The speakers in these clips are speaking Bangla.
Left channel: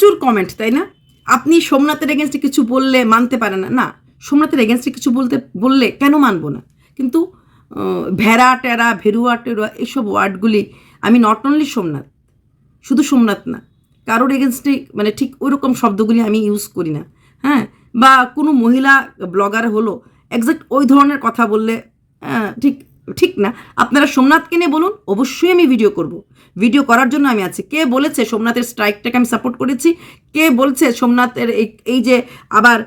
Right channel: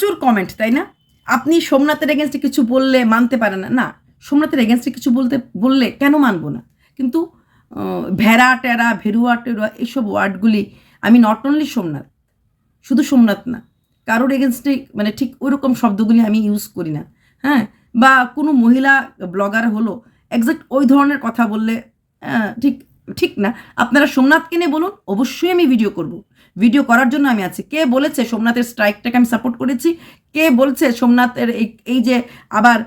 প্রচুর কমেন্ট, তাই না? আপনি সোমনাথের এগেনস্টে কিছু বললে মানতে পারেন না। না, সোমনাথের এগেনস্টে কিছু বললে কেন মানবো না? কিন্তু ভেড়া টেরা ভেরুয়া টেরুয়া এইসব ওয়ার্ডগুলি আমি নট অনলি সোমনাথ, শুধু সোমনাথ না, কারোর এগেনস্টে মানে ঠিক ওই রকম শব্দগুলি আমি ইউজ করি না। হ্যাঁ, বা কোনো মহিলা ব্লগার হলো এক্স্যাক্ট ওই ধরনের কথা বললে ঠিক ঠিক না। আপনারা সোমনাথকে নিয়ে বলুন, অবশ্যই আমি ভিডিও করব। ভিডিও করার জন্য আমি আছি। কে বলেছে সোমনাথের স্ট্রাইকটাকে আমি সাপোর্ট করেছি? কে বলছে সোমনাথের এই যে আবার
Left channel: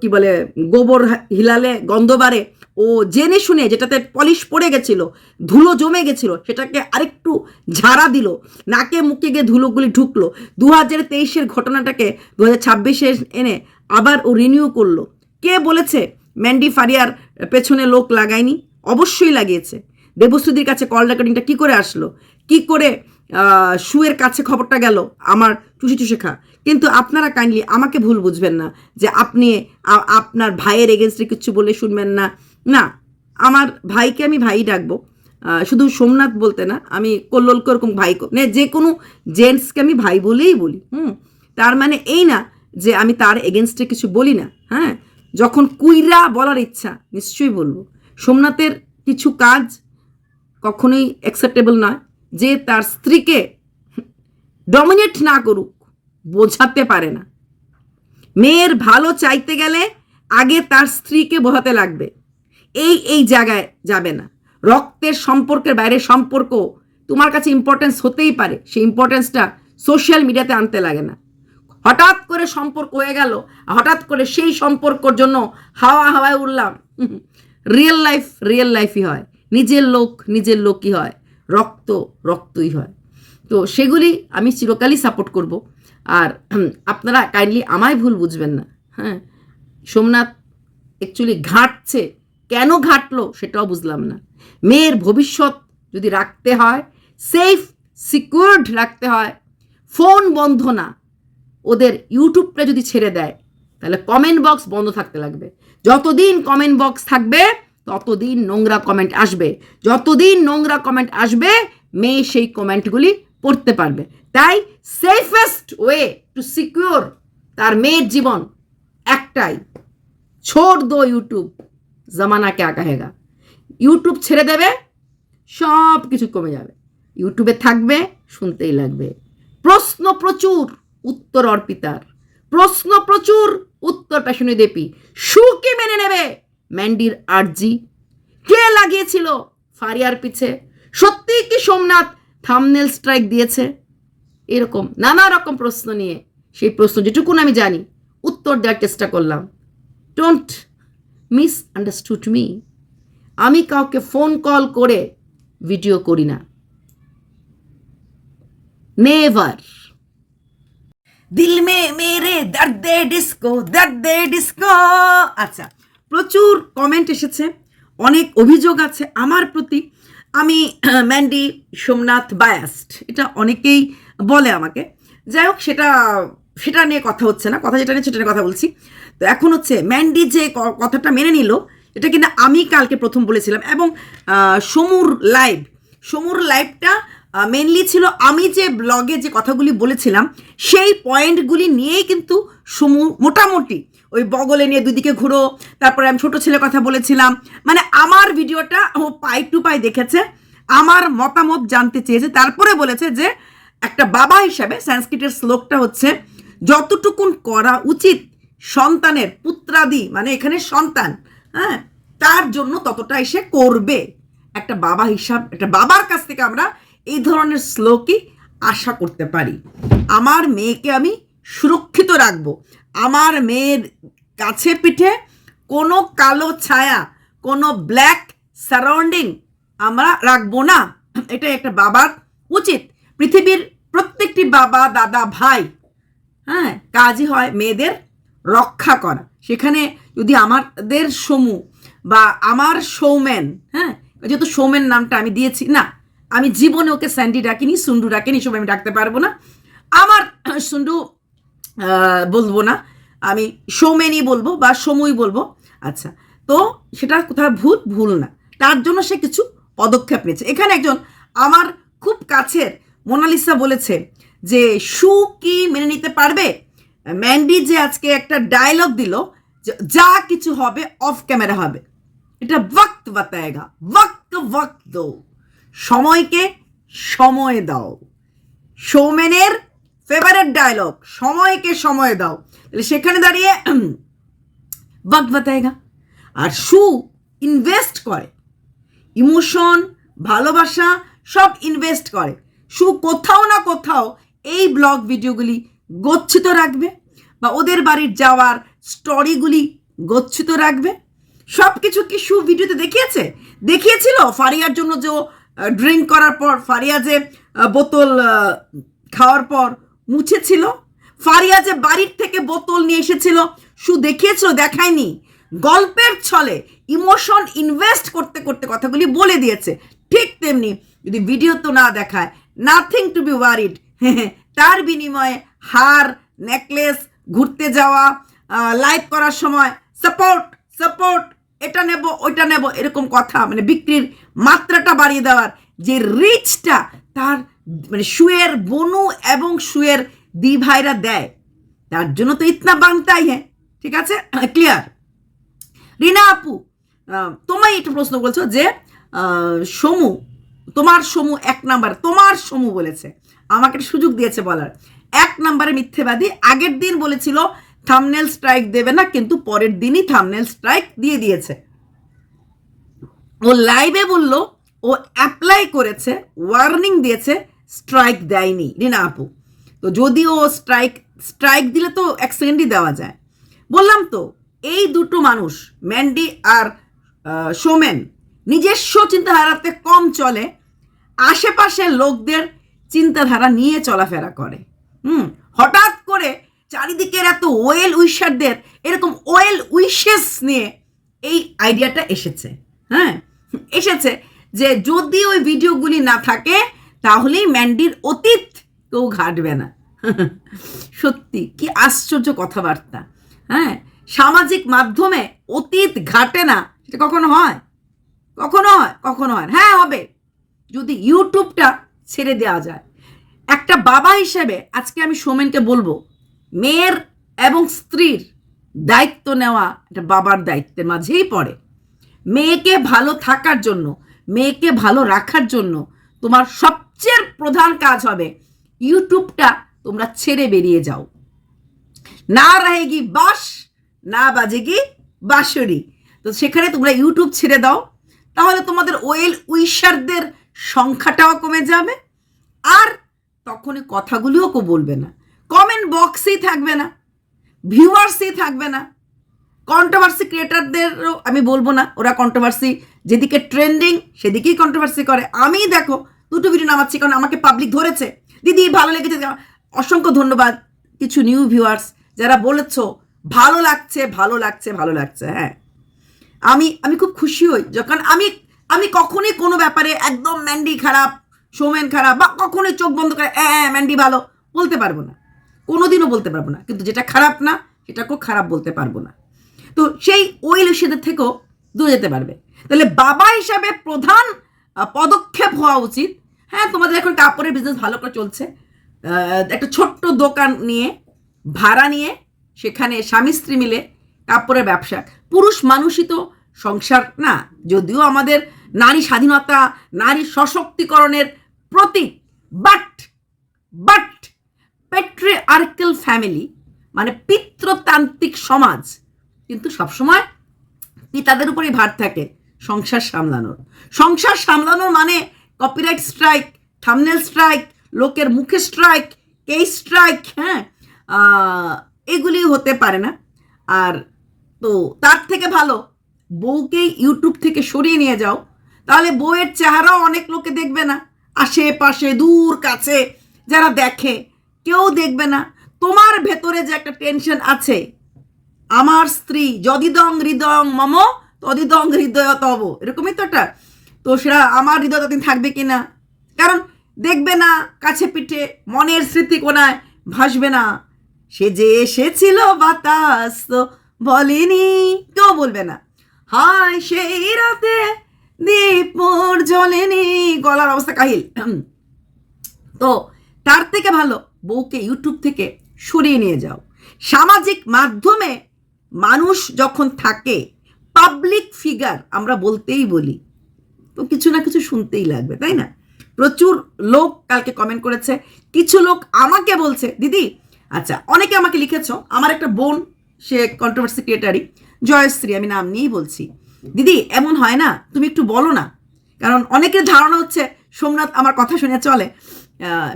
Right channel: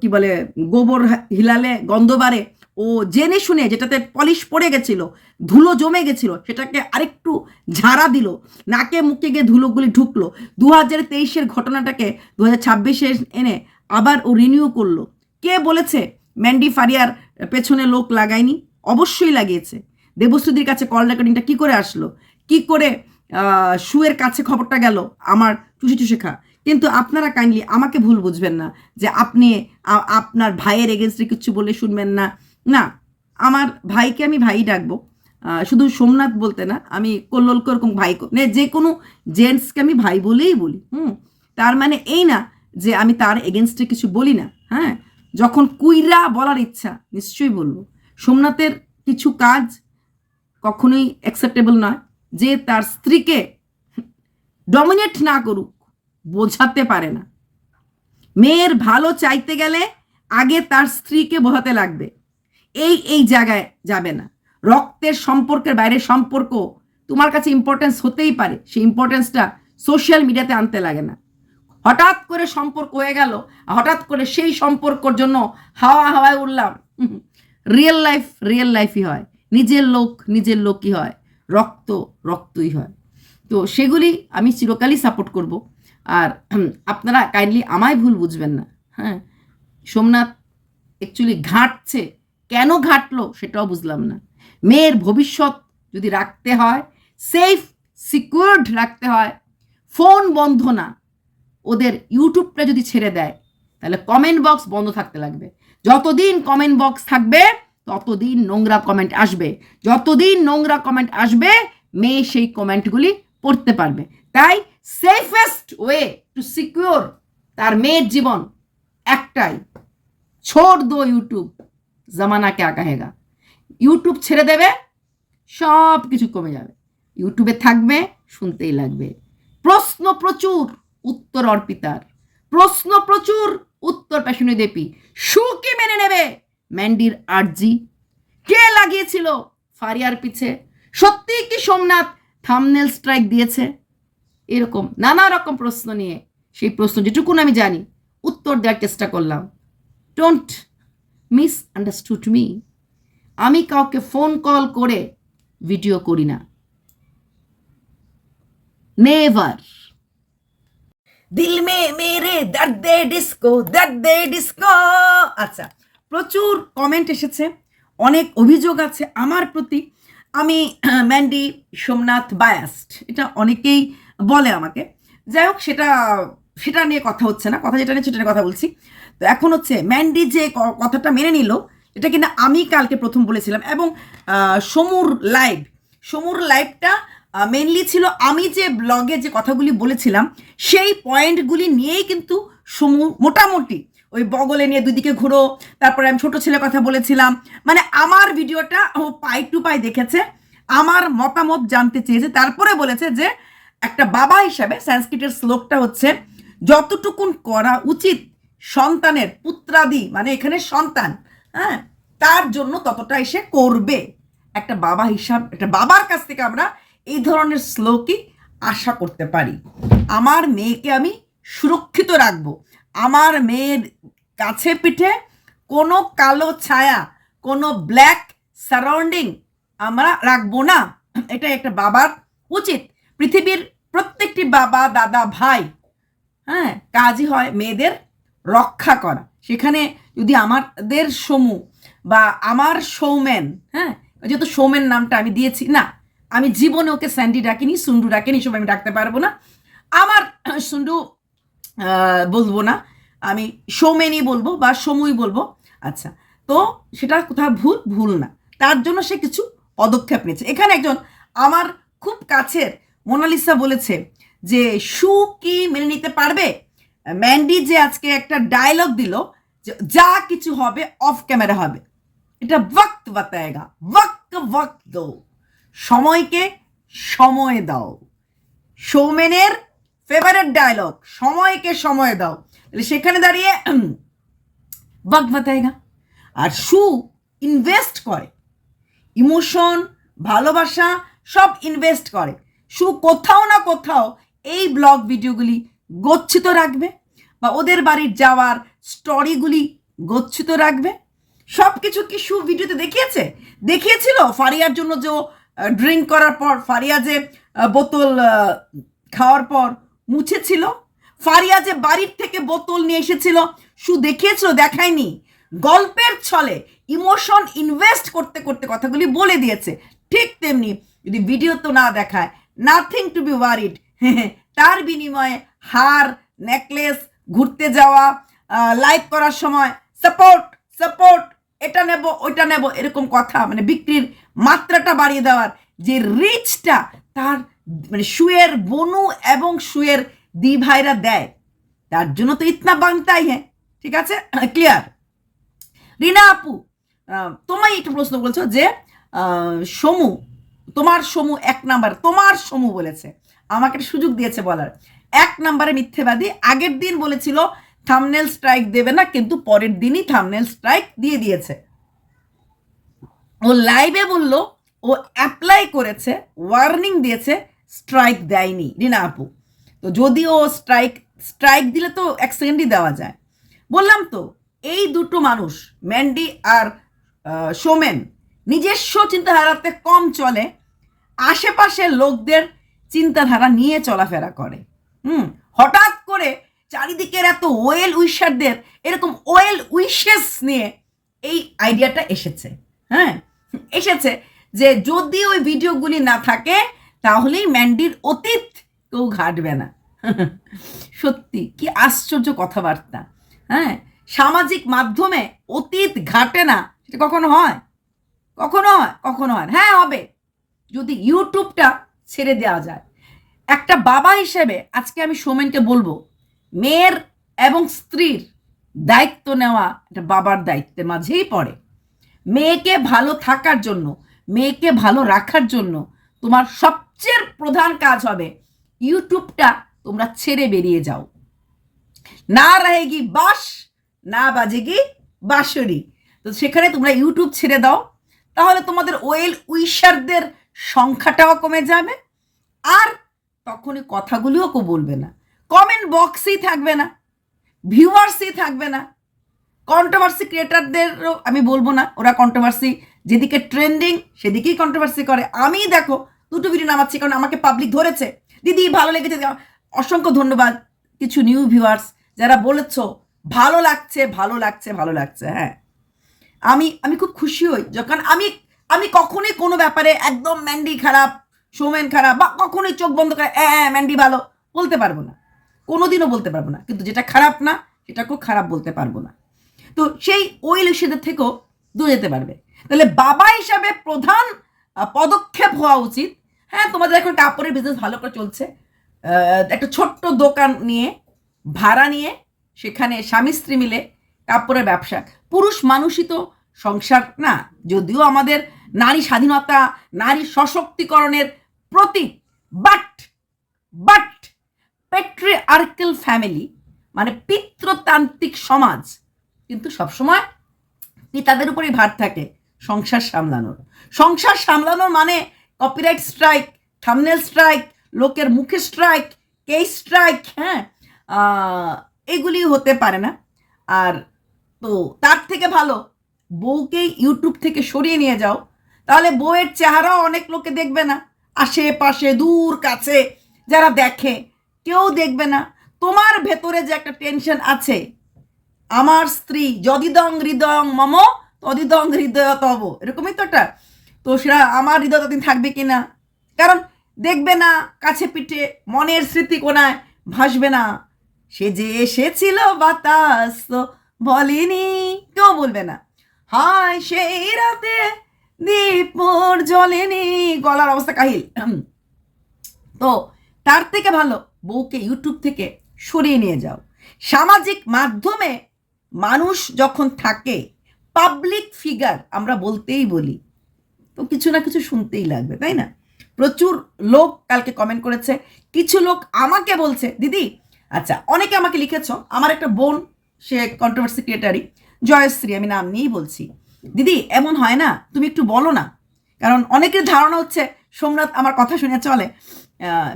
কি বলে গোবর হিলালে গন্ধ বাড়ে, ও জেনে শুনে যেটাতে পলিশ পড়ে গেছিল, ধুলো জমে গেছিল, সেটাকে আরেকটু ঝাড়া দিল, নাকে মুখে গিয়ে ধুলোগুলি ঢুকলো, 2023-এর ঘটনাটাকে 2026-এ এনে আবার ও রিনিউ করলো। কে বলেছে ম্যান্ডি ফারিয়ার পেছনে লোক লাগায়নি? অবশ্যই লাগিয়েছে। দেবশ্রীদির কাছে কল রেকর্ডিংটা কী করে আসলো, কি করে শুয়ের কাছে খবরটা গেল, আমার চুষে চুষে খা। কিন্তু আপনারা কাইন্ডলি আমাকে ভুল বুঝবেন না যে আপনি আপনার ভাইয়ের এগেনস্টে কিছু বলে শুনবেন না। না, আমার ভাইকে আমি ভাই ডাকবো, শুধু সোমনাথ বলতে না, আমি কল্লোলকে ওরকম ভাই যে কোনো জেন্টসকে আমি ভাই বলেই বলি। তার মানে এই না যে আমি তার এগেনস্টে কিছু বলি না। হ্যাঁ, যখন কুইরা বলার ইচ্ছা নিশ্চয়ই বলবো। সোমনাথের কিছু কাজ কখনোই অ্যাকসেপ্টেবল নয়। যে তার স্ত্রীকে ডমিনেট না করুক, বোঝাতে পারে না। মেয়ের ভালো চাইতে গেলে আগে তার স্ত্রীকে বোঝাতে লাগবে। এই জায়গায় যাবে না। রক্তের সম্পর্কের বাইরে সম্পর্ক তোমার কাছে ইম্পর্টেন্স হতেই পারে, সেই ইম্পর্টেন্সটা সোশ্যাল মিডিয়াতে আনতে লাগে না। হঠাৎ করে সম্পর্ক হয়ে গেল, হঠাৎ করে সেই সম্পর্কর জন্য হাওয়ায় উঠলাম। রিয়েল লাইফই হয়, নিজের লোকই হয়, রক্তই হয়। তো সেগুলি আমি চিরকালই সাপোর্ট করব। আর আপনারা কাইন্ডলি আমায় ভুল বুঝবেন না। হ্যাঁ, সোমনাথ অ্যাকচুয়ালি ঘাঁটছে, কেন ঘাঁটলো সেটাও বুঝলাম না। মেয়ের ভবিষ্যৎ যদি রাখতে হয়, সেফ সিকিউরড রাখতে হয়, ফোন বন্ধ না, ওদের ইউটিউবটা যদি ছেড়ে দেয় তাহলে কমেন্ট বক্স বন্ধ থাকতে লাগবে। যতদিন কমেন্ট বক্স থাকবে ততদিন নোংরা কমেন্ট আসবে, যতদিন নোংরা কমেন্ট আসবে মেয়ে সেই কমেন্টগুলি পড়তে পারবে। তাই সেফেস্ট ওয়ে টু সিকিউর তার মেয়ের জীবন একটাই, ছোড় দো ইউটিউব, জামানা কে আগাহেগা। ইউটিউব ছেড়ে দেবে, সব কিছু কমে যাবে। ইউটিউবে থাকবে, শুনতেই লাগবে। প্রশ্ন প্রচুর, উত্তর অর্পিতার। প্রশ্ন প্রচুর, উত্তর পেশনী দেবী। সুকে মেনে নেবে ম্যান্ডির আরজি? কে লাগিয়েছিল ফারিয়ার পিছে? সত্যি কি সোমনাথ থাম্বনেল স্ট্রাইক দিয়েছে? এরকম নানা রকম প্রশ্ন নিয়ে, সেই প্রশ্ন যেটুকুন আমি জানি উত্তর দেওয়ার চেষ্টা করলাম। Don't miss understood me. আমি কাউকে ফোন কল করে ভিডিও করি না, নেভার। দিল মে মেরে দর্দে ডিস্কো। আচ্ছা, প্রচুর কমেন্ট এসেছে, অনেক অভিযোগ আছে আমার প্রতি। আমি ম্যান্ডি সোমনাথ বায়াসড, এটা অনেকেই বলে আমাকে। যাই হোক, সেটা নিয়ে কথা হচ্ছে না, কথা যেটা নিয়ে সেটা নিয়ে কথা বলছি। তো এখন হচ্ছে ম্যান্ডি যে কথাটা মেনে নিল, এটা কিন্তু আমি কালকে প্রথম বলেছিলাম। এবং সমুর লাইভটা মেনলি ছিল আমি যে ব্লগে যে কথাগুলি বলেছিলাম সেই পয়েন্টগুলি নিয়েই কিন্তু সমু মোটামুটি ওই বগলে নিয়ে দুদিকে ঘুরো, তারপরে আমি ছোট ছেলের কথা বলেছিলাম। মানে আমার ভিডিওটা ও পাই টু পাই দেখেছে, আমার মতামত জানতে চেয়েছে, তারপরে বলেছে যে একটা বাবা হিসাবে সংস্কৃতের শ্লোকটা হচ্ছে যতটুকুন করা উচিত সন্তানের পুত্রাদি, মানে এখানে সন্তান, হ্যাঁ, তার জন্য ততটা এসে করবে। একটা বাবা একটা বাবার কাছ থেকে আমরা এই ধরনের শ্লোকই আশা করতে পারি। আমার মেয়েকে আমি সুরক্ষিত রাখবো, আমার মেয়ের কাছে পিঠে কোনো কালো ছায়া, কোনো ব্ল্যাক সারাউন্ডিং আমরা রাখবো না। এটাই একটা বাবার উচিত। পৃথিবীর প্রত্যেকটি বাবা, দাদা, ভাই, হ্যাঁ, কাজই হয় মেয়েদের রক্ষা করা। সেখানে যদি আমাদের সমু বা আমার সৌমেন, হ্যাঁ, যেহেতু সৌমেন নামটা আমি দিয়েছি, না, আমি জীবনে ওকে স্যান্ডি ডাকিনি, সুন্ডু ডাকিনি, সব আমি ডাকতে পারবো না। আমার সুন্ডু বলবো না, আমি সৌমেনই বলবো বা সমুই বলবো। আচ্ছা, তো সেটা কোথাও ভুল না, তার জন্য সে কিছু পদক্ষেপ নিয়েছে। এখানে একজন আমার খুব কাছের মোনালিসা বলেছে যে শু কি মেনে নিতে পারবে? ম্যান্ডি যে আজকে একটা ডায়লগ দিল, যা কিছু হবে অফ ক্যামেরা হবে, এটা ওয়াক্ত বাতায়েগা, ওয়াক্ত দো, সময়কে সময় দাও। সৌমেনের ফেভারিট ডায়লগ, সময়কে সময় দাও। তাহলে সেখানে দাঁড়িয়ে ওয়াক্ত বাতায়েগা। আর শু ইনভেস্ট করে, ইমোশন, ভালোবাসা সব ইনভেস্ট করে। শু কোথাও না কোথাও এই ব্লগ ভিডিওগুলি গচ্ছিত রাখবে, বা ওদের বাড়ির যাওয়ার স্টোরিগুলি গচ্ছিত রাখবে। সব কিছু কি শু ভিডিওতে দেখিয়েছিল? ফারিয়ার জন্য যে ড্রিঙ্ক করার পর ফারিয়া যে বোতল খাওয়ার পর মুছেছিল, ফারিয়া যে বাড়ির থেকে বোতল নিয়ে এসেছিল, শু দেখিয়েছিল? দেখায়নি। গল্পের ছলে ইমোশন ইনভেস্ট করতে করতে কথাগুলি বলে দিয়েছে। ঠিক তেমনি যদি ভিডিও তো না দেখায়, নাথিং টু বি ওয়ারিড, তার বিনিময়ে হার, নেকলেস, ঘুরতে যাওয়া, লাইভ করার সময় সাপোর্ট, এটা নেব ওইটা নেব, এরকম কথা, মানে বিক্রির মাত্রাটা বাড়িয়ে দেওয়ার যে রিচটা তার, মানে শুয়ের বনু এবং শুয়ের দি ভাইরা দেয়, তার জন্য তো ইতনা বাংতাই হ্যাঁ। ঠিক আছে, ক্লিয়ার? রিনা আপু, তোমায় একটু প্রশ্ন বলছো যে সমু, তোমার সমু এক নাম্বার, তোমার সমু বলেছে, আমাকে সুযোগ দিয়েছে বলার, এক নাম্বারে মিথ্যেবাদী। আগের দিন বলেছিল থাম্বনেল স্ট্রাইক দেবে না, কিন্তু পরের দিনই থাম্বনেল স্ট্রাইক দিয়ে দিয়েছে। ও লাইভে বলল ও অ্যাপ্লাই করেছে, ওয়ার্নিং দিয়েছে, স্ট্রাইক দেয়নি রিনা আপু। তো যদি ও স্ট্রাইক দিলে তো এক সেকেন্ডই দেওয়া যায়। বললাম তো, এই দুটো মানুষ, ম্যান্ডি আর সোমেন, নিজস্ব চিন্তাধারাতে কম চলে, আশেপাশের লোকদের চিন্তাধারা নিয়ে চলাফেরা করে। হঠাৎ করে চারিদিকের এত ওয়েল উইশারদের এরকম ওয়েল উইশেস নিয়ে এই আইডিয়াটা এসেছে। এসেছে যে যদি ওই ভিডিওগুলি না থাকে তাহলেই ম্যান্ডির অতীত কেউ ঘাটবে না। সত্যি কি আশ্চর্য কথাবার্তা। সামাজিক মাধ্যমে অতীত ঘাটে না, সেটা কখনো হয়? হ্যাঁ, হবে যদি ইউটিউবটা ছেড়ে দেওয়া যায়। একটা বাবা হিসেবে আজকে আমি সোমেনকে বলবো, মেয়ের এবং স্ত্রীর দায়িত্ব নেওয়া একটা বাবার দায়িত্বের মাঝেই পড়ে। মেয়েকে ভালো থাকার জন্য, মেয়েকে ভালো রাখার জন্য তোমার সবচেয়ে প্রধান কাজ হবে ইউটিউবটা তোমরা ছেড়ে বেরিয়ে যাও। না रहेगी বাস, না বাজেগি বাঁশুরি। তো সেখানে তোমরা ইউটিউব ছেড়ে দাও, তাহলে তোমাদের ওয়েল উইশারদের সংখ্যাটাও কমে যাবে, আর তখনই কথাগুলিও কেউ বলবে না, কমেন্ট বক্সেই থাকবে না, ভিউয়ার্সই থাকবে না। কন্ট্রোভার্সি ক্রিয়েটারদেরও আমি বলবো না, ওরা কন্ট্রোভার্সি যেদিকে ট্রেন্ডিং সেদিকেই কন্ট্রোভার্সি করে। আমি দেখো দুটো ভিডিও নামাচ্ছি কারণ আমাকে পাবলিক ধরেছে, দিদি ভালো লেগেছে। অসংখ্য ধন্যবাদ কিছু নিউ ভিউয়ার্স যারা বলেছ ভালো লাগছে। হ্যাঁ, আমি খুব খুশি হই যখন আমি কখনই কোনো ব্যাপারে একদম ম্যান্ডি খারাপ, সোমেন খারাপ, বা কখনোই চোখ বন্ধ করে ম্যান্ডি ভালো বলতে পারবো না, কোনোদিনও বলতে পারবো না। কিন্তু যেটা খারাপ না সেটাকেও খারাপ বলতে পারবো না। তো সেই ওই লুসিদের থেকেও দূরে যেতে পারবে। তাহলে বাবা হিসাবে প্রধান পদক্ষেপ হওয়া উচিত। হ্যাঁ, তোমাদের এখন কাপড়ের বিজনেস ভালো করে চলছে, একটা ছোট্ট দোকান নিয়ে ভাড়া নিয়ে সেখানে স্বামী স্ত্রী মিলে কাপড়ের ব্যবসা। পুরুষ মানুষই তো সংসার না, যদিও আমাদের নারী স্বাধীনতা, নারী সশক্তিকরণের প্রতীক, বাট প্যাট্রিয়ার্কাল ফ্যামিলি মানে পিতৃতান্ত্রিক সমাজ কিন্তু সবসময় পিতাদের উপরেই ভার থাকে সংসার সামলানোর মানে কপিরাইট স্ট্রাইক, থাম্বনেল স্ট্রাইক, লোকের মুখে স্ট্রাইক, কেস স্ট্রাইক, এগুলি হতে পারে না। আর তো তার থেকে ভালো বউকেই ইউটিউব থেকে সরিয়ে নিয়ে যাও, তাহলে বউয়ের চেহারাও অনেক লোকে দেখবে না, আশেপাশে দূর কাছে যারা দেখে কেউ দেখবে না। তোমার ভেতরে যে একটা টেনশন আছে, আমার স্ত্রী যদিদং হৃদয়ং মম তদিদং হৃদয় তব, এরকমই তো একটা, তো সেটা আমার হৃদয় ততদিন থাকবে কিনা, কারণ দেখবে না, কাছে পিঠে মনের স্মৃতি কোনায় ভাসবে না। সে যে এসেছিল বাতাস তো বলেনি, কেউ বলবে না। হায় সেই রাতে দীপর জ্বলেনি, গলার অবস্থা কাহিল। তো তার থেকে ভালো বউকে ইউটিউব থেকে সরিয়ে নিয়ে যাও। সামাজিক মাধ্যমে মানুষ যখন থাকে, পাবলিক ফিগার আমরা বলতেই বলি, তো কিছু না কিছু শুনতেই লাগবে, তাই না? প্রচুর লোক কালকে কমেন্ট করেছে, কিছু লোক আমাকে বলছে দিদি, আচ্ছা অনেকে আমাকে লিখেছ, আমার একটা বোন, সে কন্ট্রোভার্সি ক্রিয়েটারই, জয়শ্রী, আমি নাম নিয়েই বলছি, দিদি এমন হয় না, তুমি একটু বলো না। কারণ অনেকের ধারণা হচ্ছে সোমনাথ আমার কথা শুনে চলে,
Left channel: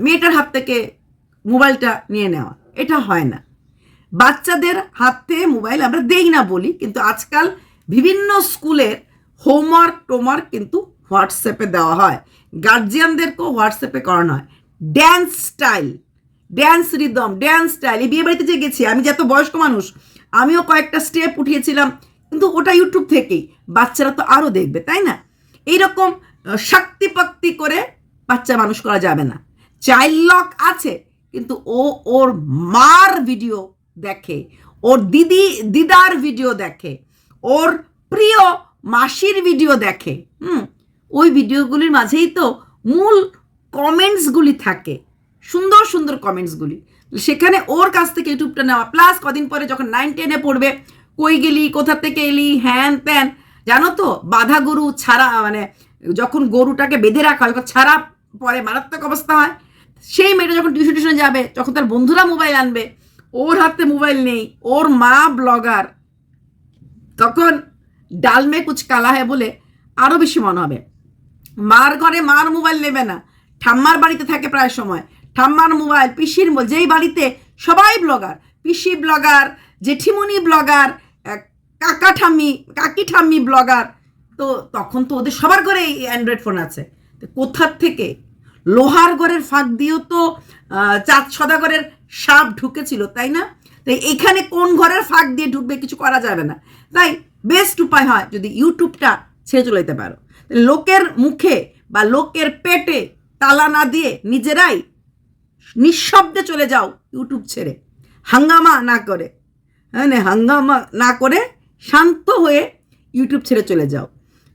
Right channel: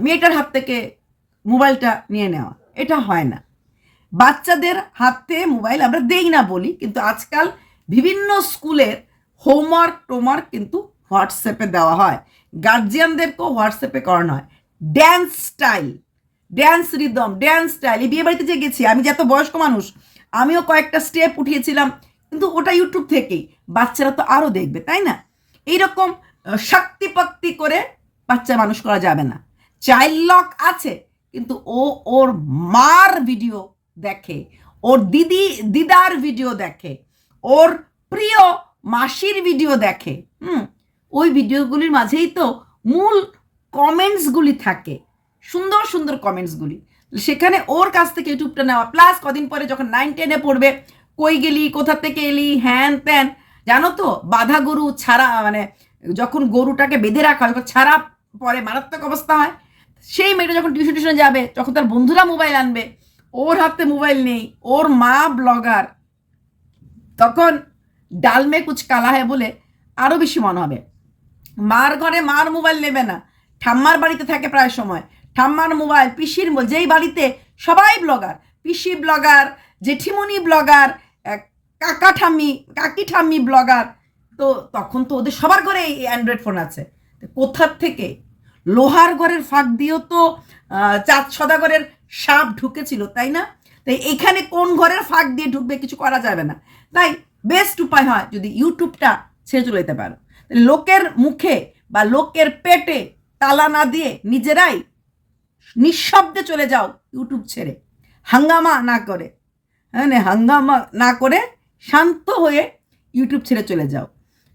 মেয়েটার হাত থেকে মোবাইলটা নিয়ে নেওয়া, এটা হয় না। বাচ্চাদের হাতে মোবাইল আমরা দেই না বলি, কিন্তু আজকাল বিভিন্ন স্কুলের হোমওয়ার্ক কিন্তু হোয়াটসঅ্যাপে দেওয়া হয়, গার্জিয়ানদেরকেও হোয়াটসঅ্যাপে করানো হয়। Dance style, dance rhythm, dance style, এই বিয়ে বাড়িতে যে গেছি আমি, যে এত বয়স্ক মানুষ, আমিও কয়েকটা স্টেপ উঠিয়েছিলাম, কিন্তু ওটা ইউটিউব থেকেই, বাচ্চারা তো আরও দেখবে, তাই না? এইরকম শক্তিপক্তি করে বাচ্চা মানুষ করা যাবে না। চাইল্ড লক আছে, কিন্তু ও ওর মার ভিডিও দেখে, ওর দিদার ভিডিও দেখে, ওর প্রিয় মাসির ভিডিও দেখে। ওই ভিডিওগুলির মাঝেই তো মূল কমেন্টসগুলি থাকে, সুন্দর সুন্দর কমেন্টসগুলি। সেখানে ওর কাছ থেকে ইউটিউবটা নেওয়া, প্লাস কদিন পরে যখন 9-10-এ পড়বে, কই গেলি, কোথা থেকে এলি, হ্যান ত্যান। জানো তো, বাঁধা গরু ছাড়া, মানে যখন গরুটাকে বেঁধে রাখা হয়, যখন ছাড়া পরে মারাত্মক অবস্থা হয়, সেই মেয়েটা যখন টিউশনে যাবে, তখন তার বন্ধুরা মোবাইল আনবে, ওর হাতে মোবাইল নেই, ওর মা ব্লগার, তখন ডালমে কুচ কালা হয় বলে আরও বেশি মনে হবে। মার ঘরে মার মোবাইল নেবে না, ঠাম্মার বাড়িতে থাকে প্রায় সময়, ঠাম্মার মোবাইল, পিসির মোবাইল, যেই বাড়িতে সবাই ব্লগার, পিসি ব্লগার, জেঠিমণি ব্লগার, কাকি ঠাম্মি ব্লগার, তো তখন তো ওদের সবার ঘরে এই অ্যান্ড্রয়েড ফোন আছে। কোথার থেকে লোহার ঘরের ফাঁক দিয়েও তো চাঁদ সদাগরের সাপ ঢুকেছিল, তাই না? তাই এখানে কোন ঘরের ফাঁক দিয়ে ঢুকবে কিছু করা যাবে না। তাই বেস্ট উপায় হয় যদি ইউটিউবটা ছেড়ে চলে যেতে পারো। লোকের মুখে বা লোকের পেটে তালা না দিয়ে নিজেরাই নিঃশব্দে চলে যাও ইউটিউব ছেড়ে, হাঙ্গামা না করে, হ্যাঁ হাঙ্গামা না করে শান্ত হয়ে ইউটিউব ছেড়ে চলে যাও।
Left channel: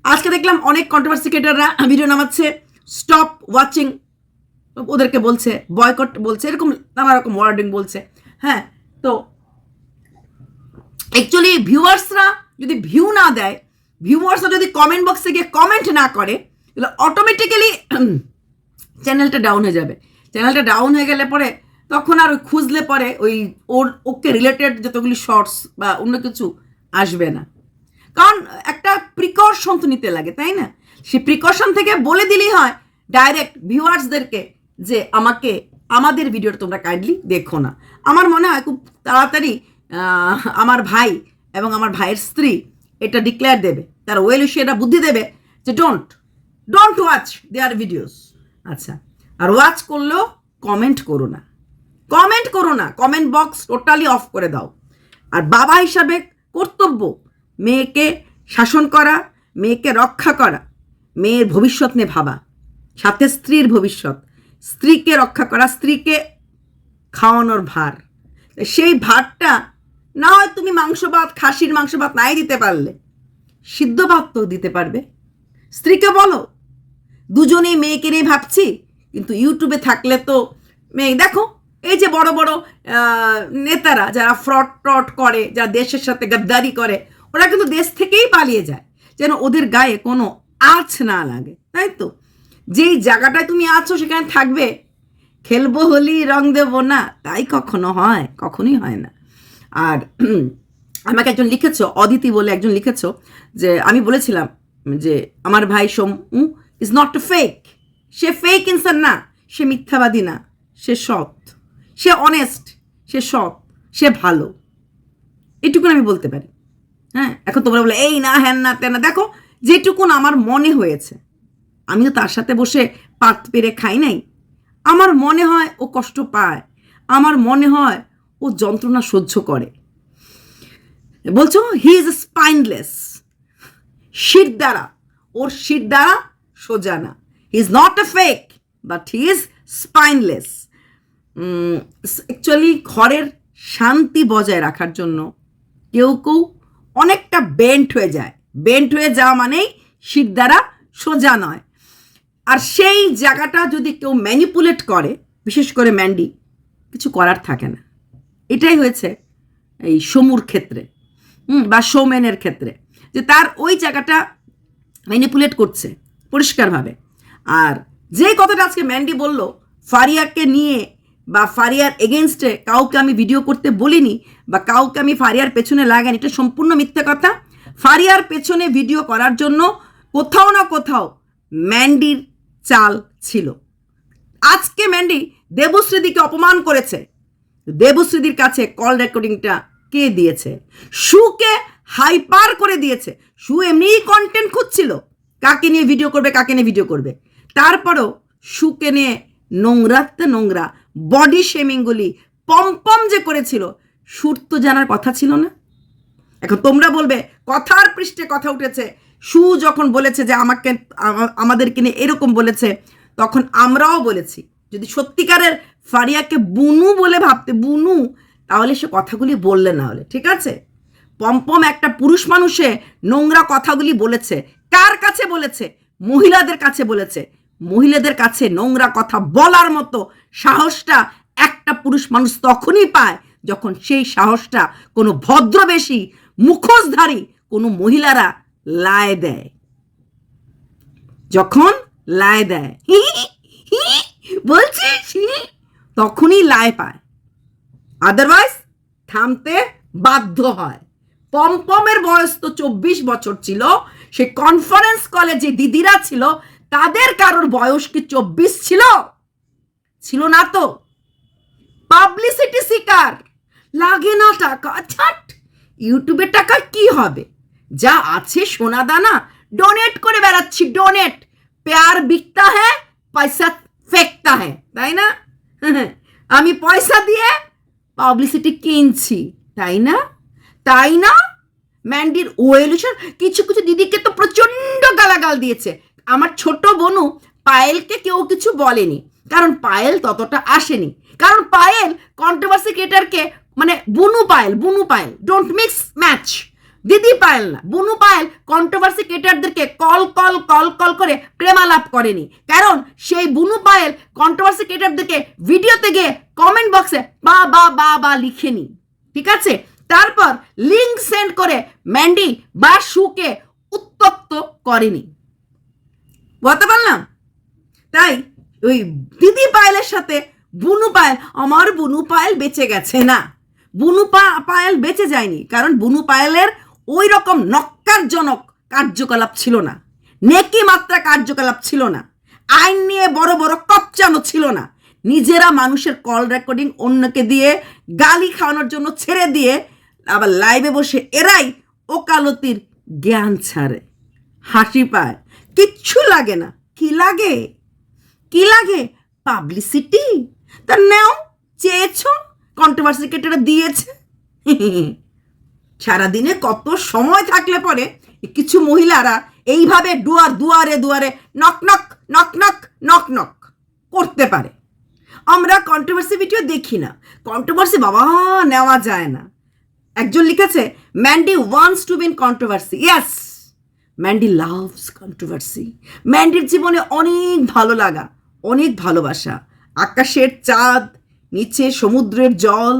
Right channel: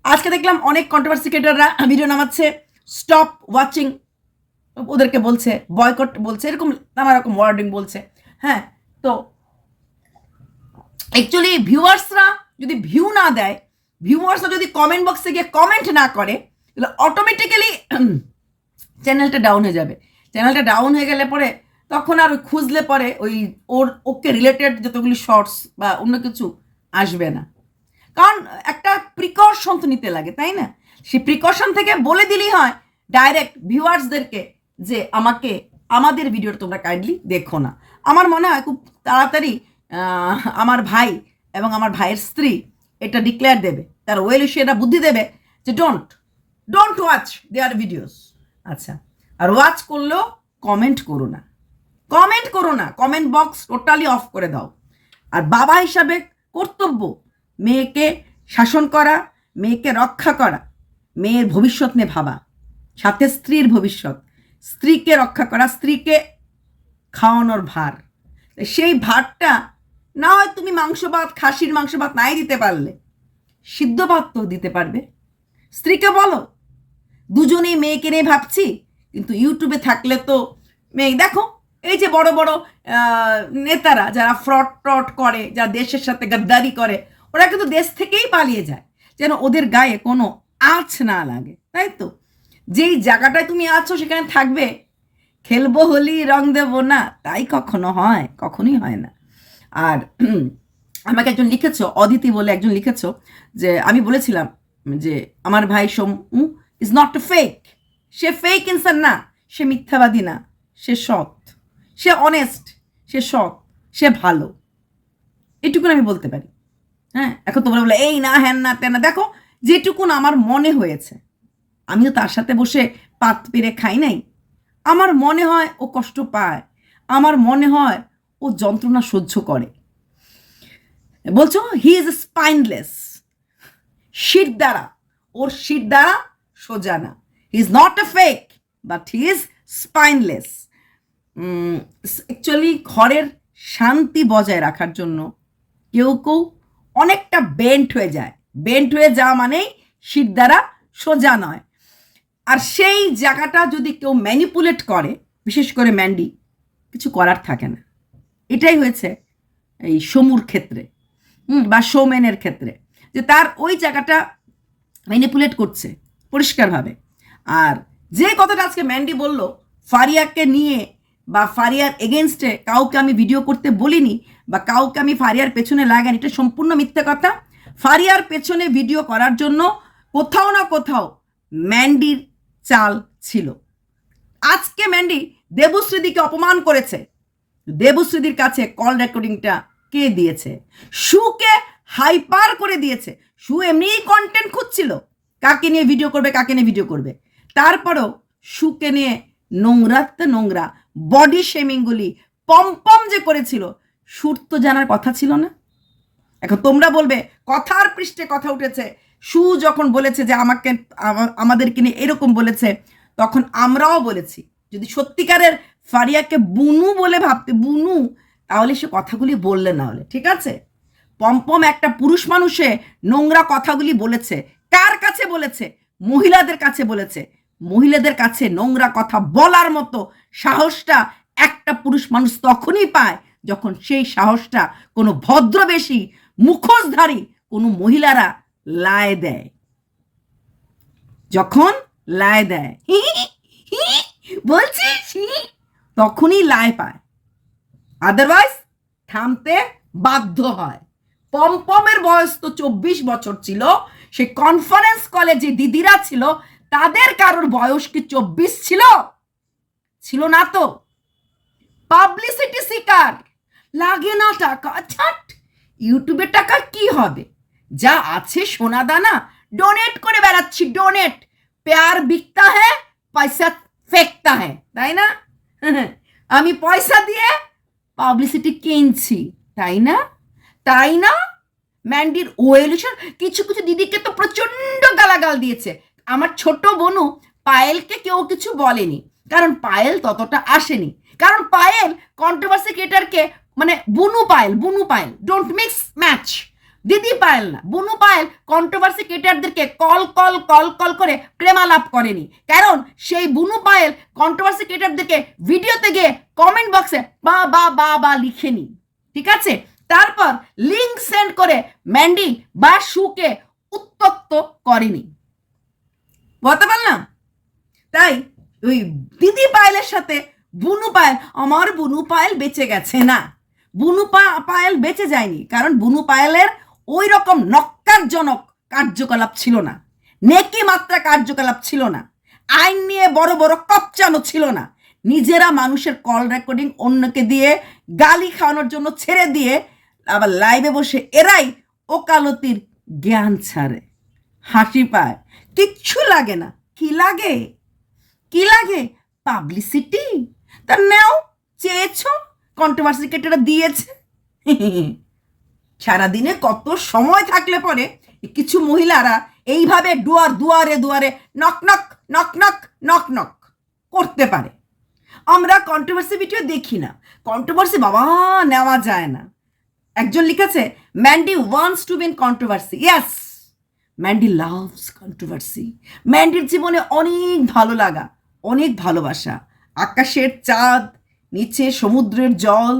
আজকে দেখলাম অনেক কন্ট্রোভার্সি ক্রিয়েটাররা ভিডিও নামাচ্ছে, স্টপ ওয়াচিং ওদেরকে বলছে, বয়কট বলছে, এরকম নানা রকম ওয়ার্ডিং বলছে। হ্যাঁ, তো অ্যাকচুয়ালি ভিউয়ার্সরা যদি ভিউ না দেয়, ভিউয়ার্সরা যদি কমেন্ট বক্সে গিয়ে কমেন্ট না করে, তাহলে অটোমেটিক্যালি চ্যানেলটা ডাউন হয়ে যাবে। চ্যানেলটা ডাউন হয়ে গেলে পরে তখন আর খুঁজলে পরে ওকে রিলেটেড যতগুলি শর্টস বা অন্য কিছু আসবে না। কারণ একটা প্রিকশন তো নিতে লাগে, তাই না? সেই প্রিকশন থেকে বলে দিলেই হয় ডাইরেক্ট ভিউয়ার্সদেরকে যে আমাদের ভিডিওটা তোমরা কাইন্ডলি দেখো না। আমার মনে হয় খুব তাড়াতাড়ি আমার ভাই এবং আমার ভাইয়ের স্ত্রী এটা ডিক্লেয়ার দেবে, তার ওয়েলউইশাররা বুদ্ধি দেবে যে ডোন্ট ওয়াচ দেয়ার ভিডিওস। আচ্ছা, আর ওয়াচ করলেও কমেন্ট করো না, কমেন্ট বক্স টোটালি অফ করে দাও। আর বাবা হিসাবে কর্তব্য মেয়েকে শাসন করা, মেয়েকে রক্ষা করা, মেয়ের ভবিষ্যৎ নিয়ে ভাবা, সাথে স্ত্রীর ভবিষ্যৎ, স্ত্রীকে রক্ষা করা, স্ত্রীকে খাওয়ানোর ভার। সেই ভাতটা না হয় তুমি মাংস ভাত, খাসির মাংস ভাত নাই দিতে পারলে, সিদ্ধ ভাত তো দিতে পারবে। স্ত্রীকে বলো দুজনেই মেয়েকে নিয়ে ভাবছি, কিন্তু ইউটিউবে থাকলে তো মেয়ে দেখো, এই যে বড় বড় নেতারা যারা ফ্রড করে, যারা দেশের সাথে গাদ্দারি করে, ওরা কিন্তু দেশ থেকেই পালিয়ে যায় যেন ওদের গায়ে কোনো আঁচ না লাগে, তাই তো? যেই জায়গাটায় তুমি আছো সেখানে থাকবে, খেলবো হোলি রং দেবো না, তাই কখনো হয়? কখনোই হয় না। আর আমাকে একজন লিখেছো, অদিতি বলে একজন লিখেছো, যে আমি বলেছিলাম যে আমার ভাই Somu is not a fake, say fake ইনসান না, সে মিথ্যাবাদী না, সে সৎ, সে অনেস্ট, সে সৎ, সে ভালো, এটুকুন আমি বলতে পারি। হ্যাঁ, এখন তোমরা বলে এই না হ্যান না তেন না, দেখো যেটুকুন আমার মনে হয়েছে, আমিও তার সাথে বসে পাত পেরে খাই নাই, আমার মনে হয় ও কষ্ট পায়, আমার মনে হয় ও যন্ত্রণা সহ্য করে। বলছো হি ইজ স্পাইনলেস, শির দ্বারা, ওর শির দ্বারা সোজা না, he is not a fake but he is spineless. Actually ঘরের শান্তি বজায় রাখার জন্য কেউ অনেকটা বেন্ট হয়ে যাওয়া মানেই শির দ্বারা সোজা নয়। আর সেই জায়গাটা যদি কেউ ম্যানিপুলেট করে, বিশেষ করে ম্যান্ডি, কিছু করার থাকে না। এটাই হয়েছে এই সমুর ক্ষেত্রে, বা সৌমেনের ক্ষেত্রে, যে তার ওই জায়গাটা ম্যানিপুলেট করছে পরিষ্কারভাবে। আর যে কথাটা আজকে ম্যান্ডি বলল ফারিয়াকে নিয়ে বা ফারিয়ার এগেনস্টে কাউকে আমি ভিডিও করতে বলিনি বা কাউকে আমি ফারিয়ার পেছনে লাগাইনি, এটা সম্পূর্ণ মিথ্যা কথা। ফারিয়ার পেছনে ভিডিও করার জন্য কোথাও না কোথাও ম্যান্ডির চাল ছিল। আজকে ম্যান্ডি দেবশ্রীদিকে অপমান করেছে, দেবশ্রীদির কাছে কল রেকর্ডিংটা কে দিয়েছে? সুকে হাইপার করে দিয়েছে। সু এমনিই কন্টেন্ট খুঁজছিল কাকে নিয়ে ভিডিও করবে, কাকে নিয়ে ভিডিও করবে। তারপরও সুকে নিয়ে নোংরাতে নোংরা বডি শেমিংগুলি পম্পম যে করেছিল, সুর তো জানার কথা ছিল না। এখন তোমরা বলবে কথার পৃষ্ঠে কথা উঠেছে, সু যখন বলেছে যে আমাদেরকে নিয়ে এরকম বলেছে, তখন আমরাও বলেছি যদি সত্যিকারের ফারিয়াকে বুনু বলে ভাবতে, বুনু, তাহলে সে কথাগুলি বললে না হলে, ঠিক আছে? পম্পম একটা পুরুষ মানুষে নোংরা কথাগুলি বলেছে, কার কাছে বলেছে? মহিলাদের কাছে বলেছে। মহিলাদের কাছে নোংরা কথা বলার মতো সাহসটা একটা পুরুষ মানুষ তখনই পায় যখন সেই সাহসটা কোনো ভদ্রবেশী মুখোশধারী কোনো মহিলারা লায় দেয়। যখন লায় দেয় বলছিস, তখনই লায় পায়, আদারওয়াইজ থামতে বাধ্য হয়। পম্পমের বয়স তো 24 বছর ছিল। সে কনফারেন্স কলে যে দিদিরা ছিল তাদের কারোর বয়স কি 24 ছিল? ছিল না তো। পাবলিসিটি শিকার, লাগে না টাকা, ছাট, ইউটিউবের টাকা কি হবে? যা আছে সোনা দানা ডোনেট করে বেড়াচ্ছি, ডোনেট। প্যার বিকতা হ্যাঁ, পয়সা ফেকতা হ্যাঁ, তাই না? আমি পয়সা দিয়ে পাবলিসিটি কিনছি, তাই না? তাই না? ম্যান্ডির ওয়েলুশন কিছু কিছু দিদিকে তো প্রচণ্ড গালাগাল দিয়েছে। আমার ছোট বোনু পায়েলকে কেউ কিছু বলেনি, কারণ পায়েল ততটা আসেনি। কারণ পায়েল কন্ট্রোভার্সি ক্রিয়েটারকে, মানে বুনু পায়েল ডোন্ট মিক্স ম্যাচ। দিদি পায়েল না, বুনু পায়েল কন্ট্রোভার্সি ক্রিয়েটারদেরকে কল কল কল কল করে প্রেমালাপ করেনি, কারণ সেই বুনু পায়েল কন্ট্রোভার্সি ক্রিয়েটারদেরকে ভিডিওতে গিয়ে কমেন্ট বক্সে বা বা বা বা লিখেনি, ঠিক আছে? তারপর লিঙ্ক সেন্ড করে ম্যান্ডি বা সুকে উত্তক্ত করেনি, বলতে পারলাম? তাই ওই দিদি পায়েলের সাথে বুনু পায়েল, আমার বুনু পায়েল বেঁচে গেছে না, বুনু পায়েল বেঁচে যায়নি, কারণ বুনু পায়েলের ওই রকম নক্কারজনক কার্যকলাপ ছিল না, নেকি মাত্রা কার্যকলাপ ছিল না, আইন নিয়ে বড় বড় কপচানো ছিল না। নিজেরা মানুষের কল রেকর্ডিং অন্যকে দিয়ে গালি খাওয়ানোর জন্য ছেড়ে দিয়ে আবার লাইভে বসে এরাই ওকালতির জ্ঞান ছাড়ে, হাসি পায়, কিচ্ছু লাগে না। কি লাগে? কি লাগে? পাবলিসিটি। তা নেও, চেয়েছ, কন্ট্রোভার্সি ক্রিয়েটাররা দিয়েছে। সারাদিনে কত সময় থাকলে পরে কিছু মহিলারা এইভাবে দুয়ারে দুয়ারে knock knock knock knock knock knock করতে পারে। আমরা কন্ট্রোভার্সি ভিডিও দেখি না, কন্ট্রোভার্সি বাবা নেওয়া যায় না। একজন লিখেছে Mandy wants to be in controversy. Yes, Mandy loves controversy. ম্যান্ডির জীবনে অনেক ভালো লাগা, অনেক ভালোবাসা, আকাশের চাঁদ, নিচে সমুদ্রের জল,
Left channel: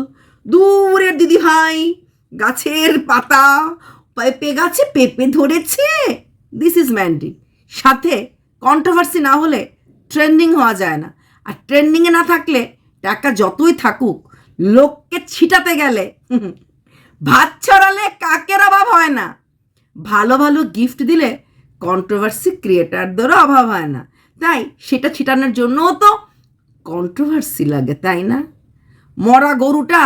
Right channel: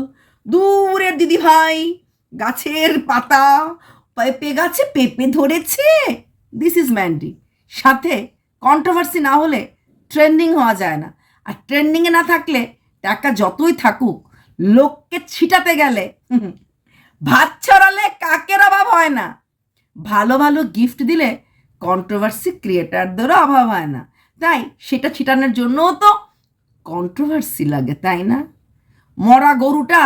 দূরের দিদিভাই, গাছের পাতা, পেঁপে গাছে পেঁপে ধরেছে, দিস ইজ ম্যান্ডি। সাথে কন্ট্রোভার্সি না হলে ট্রেন্ডিং হওয়া যায় না, আর ট্রেন্ডিংয়ে না থাকলে টাকা যতই থাকুক, লোককে ছিটাতে গেলে ভাত ছড়ালে কাকের অভাব হয় না। ভালো ভালো গিফট দিলে কন্ট্রোভার্সি ক্রিয়েটারদেরও অভাব হয় না। তাই সেটা ছিটানোর জন্যও তো কন্ট্রোভার্সি লাগে, তাই না? মরা গরুটা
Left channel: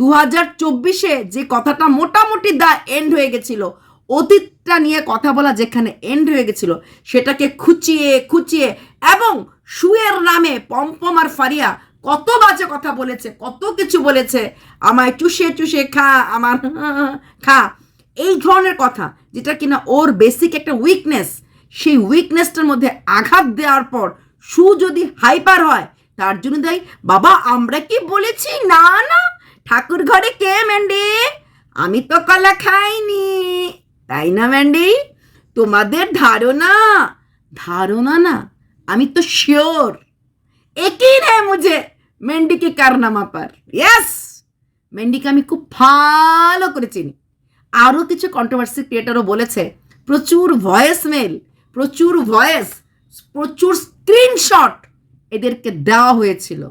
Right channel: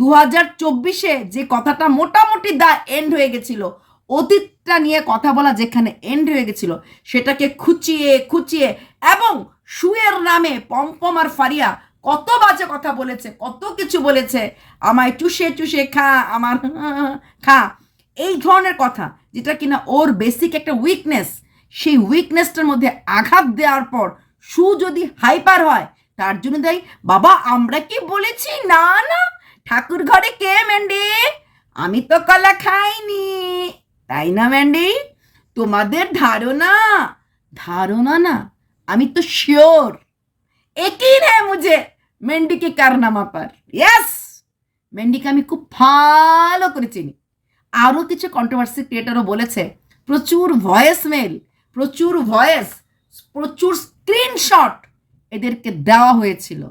2024-এ যে কথাটা মোটামুটি এন্ড হয়ে গেছিল, অতীতটা নিয়ে কথা বলা যেখানে এন্ড হয়ে গেছিল, সেটাকে খুঁচিয়ে খুঁচিয়ে, এবং সুয়ের নামে পম্পম আর ফারিয়া কত বাজে কথা বলেছে, কত কিছু বলেছে, আমায় চুষে চুষে খা, আমার খা, এই ধরনের কথা, যেটা কিনা ওর বেসিক একটা উইকনেস, সেই উইকনেসটার মধ্যে আঘাত দেওয়ার পর সু যদি হাইপার হয়, তার জন্য দেয় বাবা আমরা কি বলেছি? না না, ঠাকুর ঘরে কে ম্যান্ডি? আমি তো কলা খাইনি, তাই না ম্যান্ডি? তোমাদের ধারণা ধারণা না, আমি তো শিওর। यकीन है मुझे মেন্ডি কে কারনামা পার। ইয়েস, মেন্ডিকে আমি খুব ভালো করে চিনি। আরও কিছু কন্ট্রোভার্সি ক্রিয়েটারও বলেছে প্রচুর ভয়েস মেল, প্রচুর ভয়েস, প্রচুর স্ক্রিনশট এদেরকে দেওয়া হয়েছিল,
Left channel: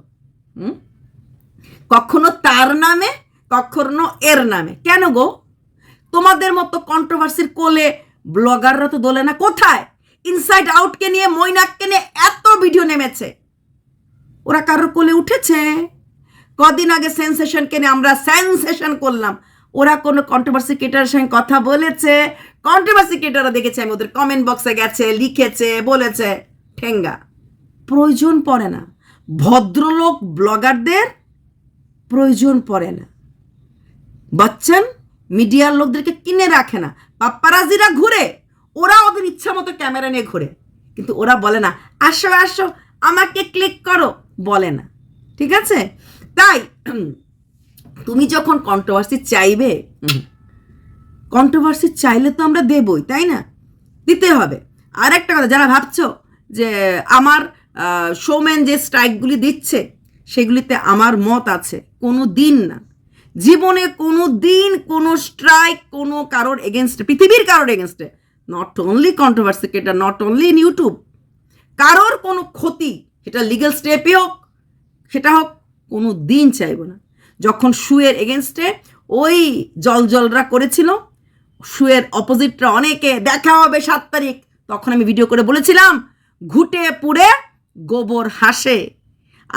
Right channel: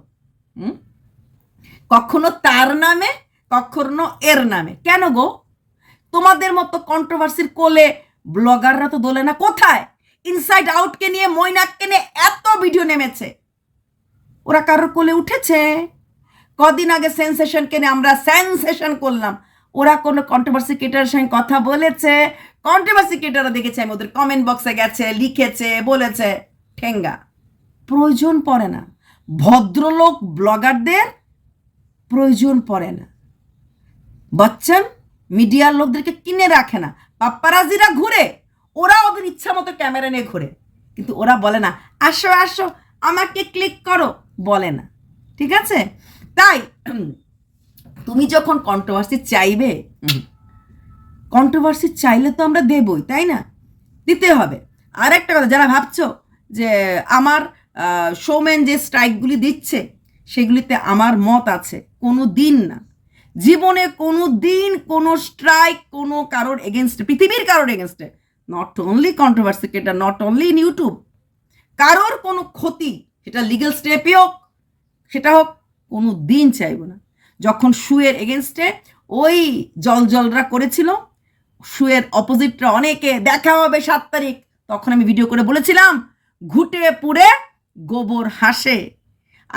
কখনো তার নামে কখনো এর নামে। কেন গো? তোমাদের মতো কন্ট্রোভার্সির কোলে ব্লগাররা তো দোলে না। কোথায় ইনসাইড আউটকে নিয়ে, মৈনাককে নিয়ে এত ভিডিও নেমেছে, ওরা কারোর কোলে উঠেছে? কদিন আগে সেন্সেশনকে নিয়ে আমরা সেন্সেশন করলাম, ওরা কোনো কন্ট্রোভার্সি ক্রিয়েটারের সঙ্গে কথা বলেছে? কন্ট্রোভার্সি ক্রিয়েটাররা দেখেছে আমি ওদের কমেন্ট বক্সে গেছে, লিখেছে, বলেছে? ঠেঙ্গা, প্রয়োজন পড়ে না। ভদ্রলোক ব্লগারদের প্রয়োজন পড়ে না। বচ্চন মিডিয়ার লোকদেরকে কিনে রাখে না, পাপ্পারাজিরা ঘুরে, ওরা ওদের ইচ্ছা মতো ক্যামেরা নিয়ে ঘুরে, কিন্তু ওরা বলে না আসো আসো আমাকে ক্লিক করো, বলে না। ঠিক আছে? তাই তুমি যখন কন্ট্রোভার্সি চাইবে, কন্ট্রোভার্সি চাইলে তো আমরা দেবই, তাই না? দিতে হবে। আর একটা কথা, যারা ভাবছো যে আমার শোম্যান যে স্ট্রাইকগুলি দিচ্ছে সেগুলিতে আমার মত আছে, কোনো দিন না, জীবনে কোনো দিন কোনো স্ট্রাইক কোনো কারোর এগেনস্টে, পৃথিবীর কারোর এগেনস্টে, not only controversy creator, not only in YouTube, কারোর কোনো ক্ষতি, সেটা লিগ্যাল স্টেপে হোক, সেটা হোক, কোনো দিন চাইব না। যখন শুয়ের এগেনস্টে ওই জলজলরা করেছিল, শুয়ের অপোজিটরা অনেকে দেখা হবে 7 তারিখ, তখন আমি ভিডিও করে বলেছিলাম ঘুটে পুড়ে গোবর হাসে।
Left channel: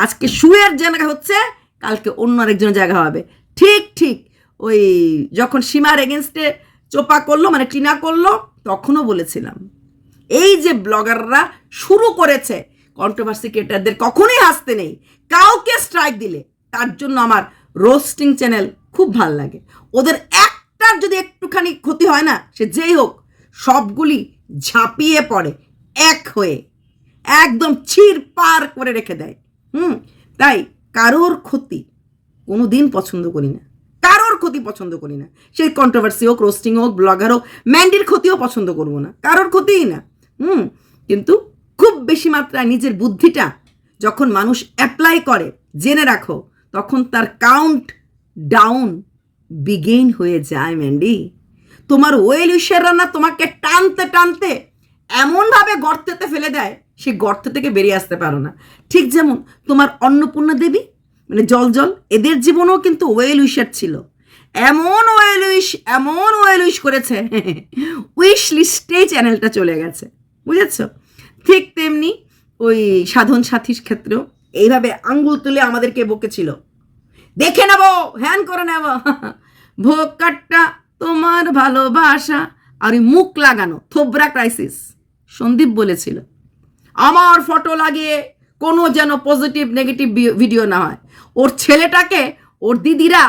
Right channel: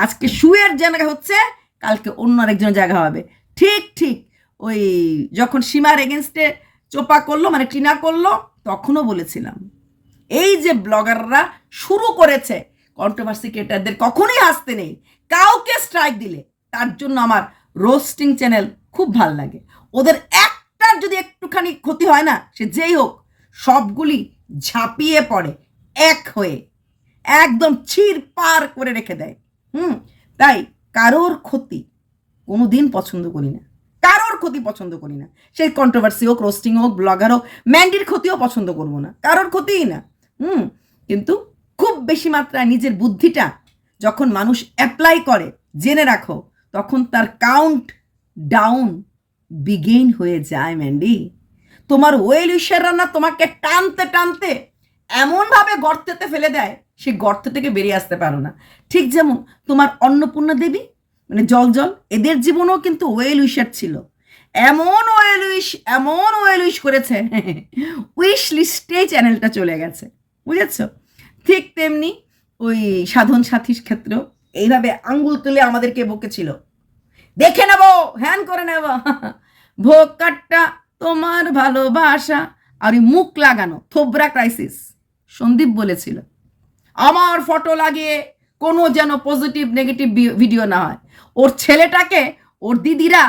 আজকে শুয়ের জায়গা হচ্ছে, কালকে অন্য আরেকজনের জায়গা হবে। ঠিক ঠিক ওই যখন সীমার এগেনস্টে চোপা করলো, মানে টিনা করলো, তখনও বলেছিলাম এই যে ব্লগাররা শুরু করেছে কন্ট্রোভার্সি ক্রিয়েটারদের কখনোই হাসতে নেই। কাউকে স্ট্রাইক দিলে তার জন্য আমার রোস্টিং চ্যানেল খুব ভাল লাগে। ওদের একটার যদি একটুখানি ক্ষতি হয় না, সে যেই হোক, সবগুলি ঝাঁপিয়ে পড়ে এক হয়ে, একদম ছিঁড় পার করে রেখে দেয়। তাই কারোর ক্ষতি কোনো দিন পছন্দ করি না, কারোর ক্ষতি পছন্দ করি না। সেই কন্ট্রোভার্সি হোক, রোস্টিং হোক, ব্লগার হোক, ম্যান্ডির ক্ষতিও পছন্দ করবো না, কারোর ক্ষতিই না। কিন্তু খুব বেশি মাত্রায় নিজের বুদ্ধিটা যখন মানুষ অ্যাপ্লাই করে, জেনে রাখো, তখন তার কাউন্ট ডাউন বিগেইন হয়ে যায়। ম্যান্ডি, তোমার ওয়েল উইশাররা না তোমাকে টানতে টানতে এমনভাবে গর্তেতে ফেলে দেয়, সেই গর্ত থেকে বেরিয়ে আসতে পারো না। ঠিক যেমন তোমার অন্নপূর্ণা দেবী, মানে জল এদের জীবনেও কিন্তু ওয়েল উইশার ছিল, এমন ওয়েল উইশ করেছে, উইশ লিস্টেই চ্যানেলটা চলে গেছে, বুঝেছ? ঠিক তেমনি ওই সাধন সাথীর ক্ষেত্রেও এইভাবে আঙ্গুল তুলে আমাদেরকে বকেছিল, দেখে নেব, হ্যান করে নেব, ভোকাটটা তোমার ভালোবাসা, আর ওই মুখ লাগানো থোবরা ক্রাইসিস। সন্দীপ বলেছিল আমার ফটো লাগিয়ে কোনো যেন পজিটিভ নেগেটিভ ভিডিও না হয়। ওর ছেলেটাকে ওর দিদিরা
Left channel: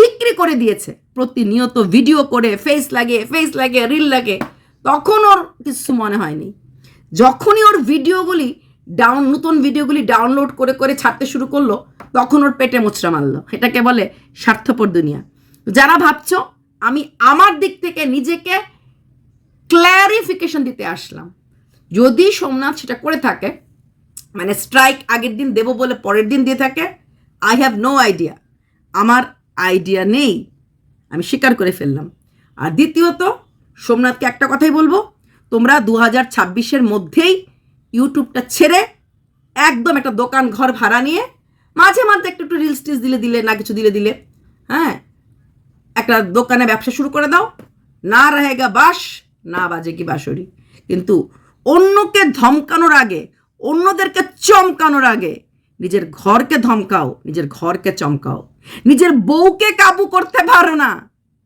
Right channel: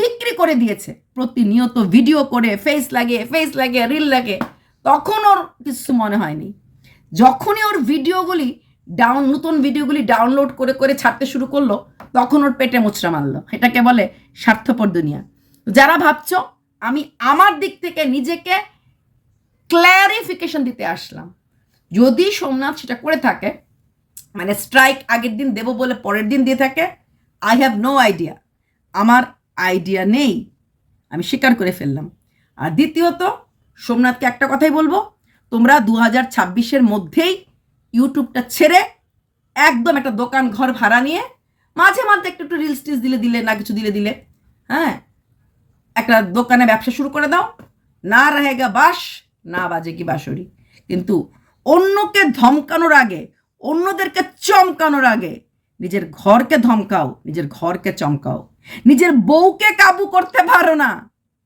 বিক্রি করে দিয়েছে, প্রতিনিয়ত ভিডিও করে ফেস লাগে রিল লাগে, তখন ওর কিছু মনে হয়নি। যখনই ওর ভিডিওগুলি নতুন ভিডিওগুলি ডাউনলোড করে করে ছাড়তে শুরু করলো, তখন ওর পেটে মোচড়া মারলো। এটাকে বলে স্বার্থপর দুনিয়া। যারা ভাবছ, আমি আমার দিক থেকে নিজেকে ক্ল্যারিফিকেশন দিতে আসলাম। যদি সোমনাথ সেটা করে থাকে, মানে স্ট্রাইক আগের দিন দেব বলে পরের দিন দিয়ে থাকে, আই হ্যাভ নো আইডিয়া, আমার আইডিয়া নেই, আমি স্বীকার করে ফেললাম। আর দ্বিতীয়ত, সোমনাথকে একটা কথাই বলবো, তোমরা 2026-এর মধ্যেই ইউটিউবটা ছেড়ে একদম একটা দোকান ঘর ভাড়া নিয়ে মাঝে মাঝে একটু একটু রিলস টিলস দিলে না কিছু দিলে হ্যাঁ, একটা দোকানে ব্যবসা শুরু করে দাও, না রহেগা বাস না বাজেগি বাঁশরি। কিন্তু অন্যকে ধমকানোর আগে, অন্যদেরকে চমকানোর আগে নিজের ঘরকে ধমকাও, নিজের ঘরকে চমকাও। নিজের বউকে কাবু করতে পারো না,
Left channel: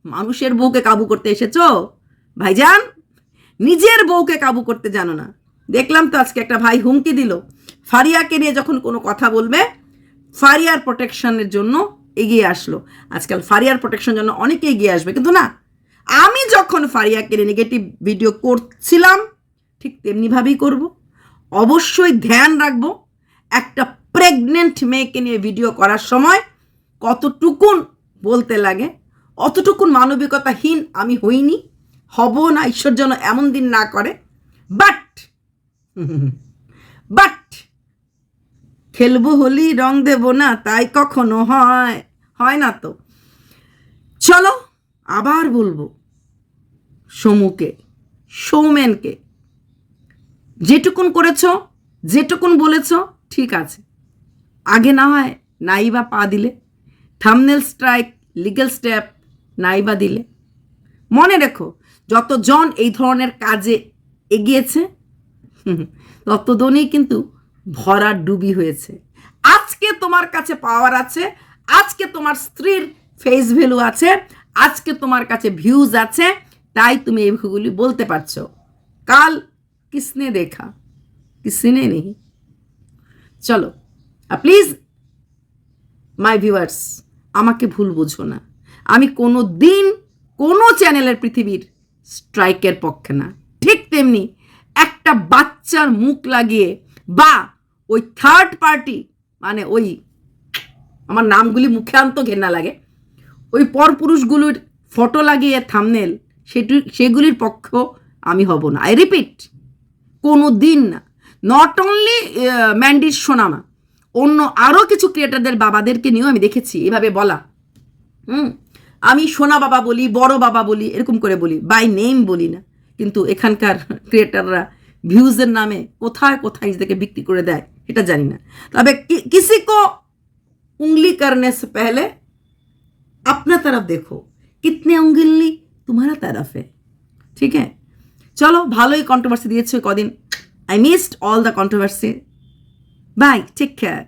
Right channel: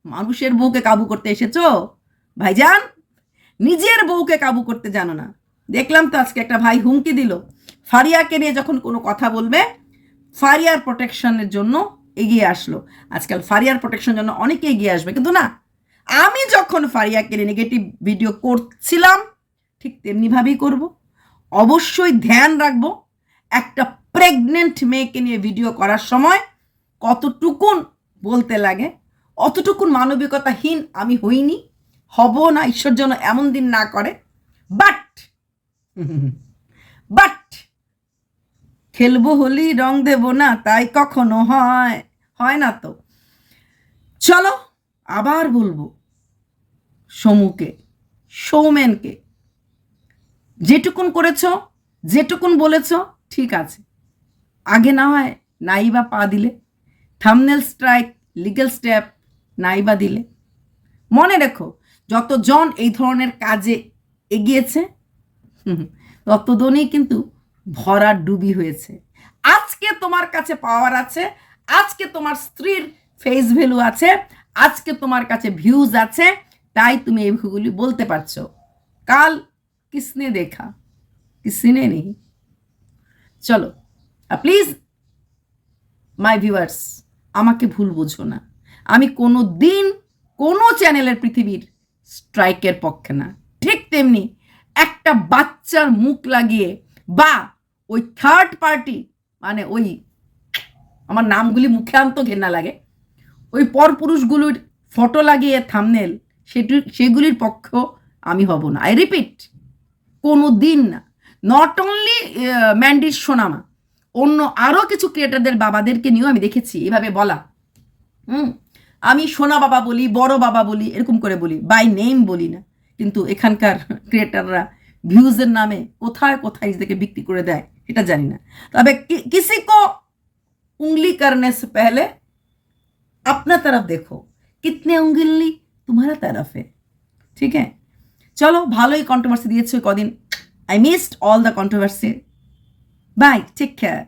মানুষের বউকে কাবু করতে এসেছো ভাইজান, নিজের বউকে কাবু করতে জানো না। দেখলাম তো আজকে একটা ভাই হুমকি দিল, ফারিয়াকে নিয়ে যখন কোনো কথা বলবে, ফারিয়ার প্রোটেকশনের জন্য এগিয়ে আসলো। আজকাল ফারিয়ার প্রোটেকশনের জন্য অনেকে এগিয়ে আসবে, কিন্তু না, আমি যখন ফারিয়াকে নিয়ে নেগেটিভ ভিডিও করছিলাম ঠিক তেমনিভাবেই করব। অবশ্যই ধ্যান রাখবো, একটা প্রেগনেন্ট মেয়েকে নিয়ে ভিডিও করার সময় কতটুকুন বলতে লাগে, অতটুকুন মানবিকতাহীন আমি হইনি, হব না, ঈশ্বর যেন এমন দিন না করে। বাট খেলবো হোলি রং দেব না, তাই কখনো হয়? হয় না তো। চলো আবার বলবো, সমুকে, সৌমেনকে, যেটুকুন করেছ, যেটুকুন বলেছ, ঠিক আছে। আগে না হয় নাই বা পা দিলে, থাম্বনেল স্ট্রাইক, লিগ্যাল স্টেপ নাই বা দিলে। মনে রেখো, যতজন এই ধরনের কাজে এগিয়েছে ততজনই কিন্তু ভরার ডুবি হয়েছে। আজকে তোমার কাছে পাওয়ার আছে, আজকে তোমার স্ত্রীর ফেস ভ্যালু আছে, আজকে তোমার কাছে ভিউজ আছে, তাই তুমি এইগুলি বলতে পারছো। কাল কিসনে দেখা, কিসনে নেই। চলো প্লিজ মাই ভিউয়ার্স, আমাকে ভুল বুঝো না। আমি কোনো দিন কোনো চ্যানেলের পৃথিবীর স্ট্রাইকের পক্ষে না। ঠিক তেমনি একটা বাচ্চার মুখ লাগিয়ে বা ওই থার্ড পার্টি, মানে ওই, আমার নামগুলি মুখে আনতো ঘেন্না লাগে, ওই পরপুরুষগুলোর ফটো লাগিয়ে থাম্বনেল, সেগুলির পক্ষ আমি হব না। আই রিপিট, কোনো দিন না। নট অনলি ম্যান্ডির সোনামা, অন্য আরও কিছু ক্রিয়েটারদের বাবাদেরকে নিয়েও আমি দেখেছি এভাবে বলা। আমি সোনা বাবা বলি, বড় বাবা বলি, এরকম করে বলি, বাই নেম বলি না। কিন্তু এখানকার ক্রিয়েটাররা ভিউজের নামে কোথায় কোথায় নিজেদেরকে বিক্রি করে দেয় এটা জানি না। তবে কিসি কো उंगली करने से पहले अपना तरफ देखो, कितने उंगली तुम्हारा तरफ है। ठीक है, চলো, ভালোই কন্ট্রোভার্সি দিয়েছো কদিন। I missed all the controversy. Bye, take care.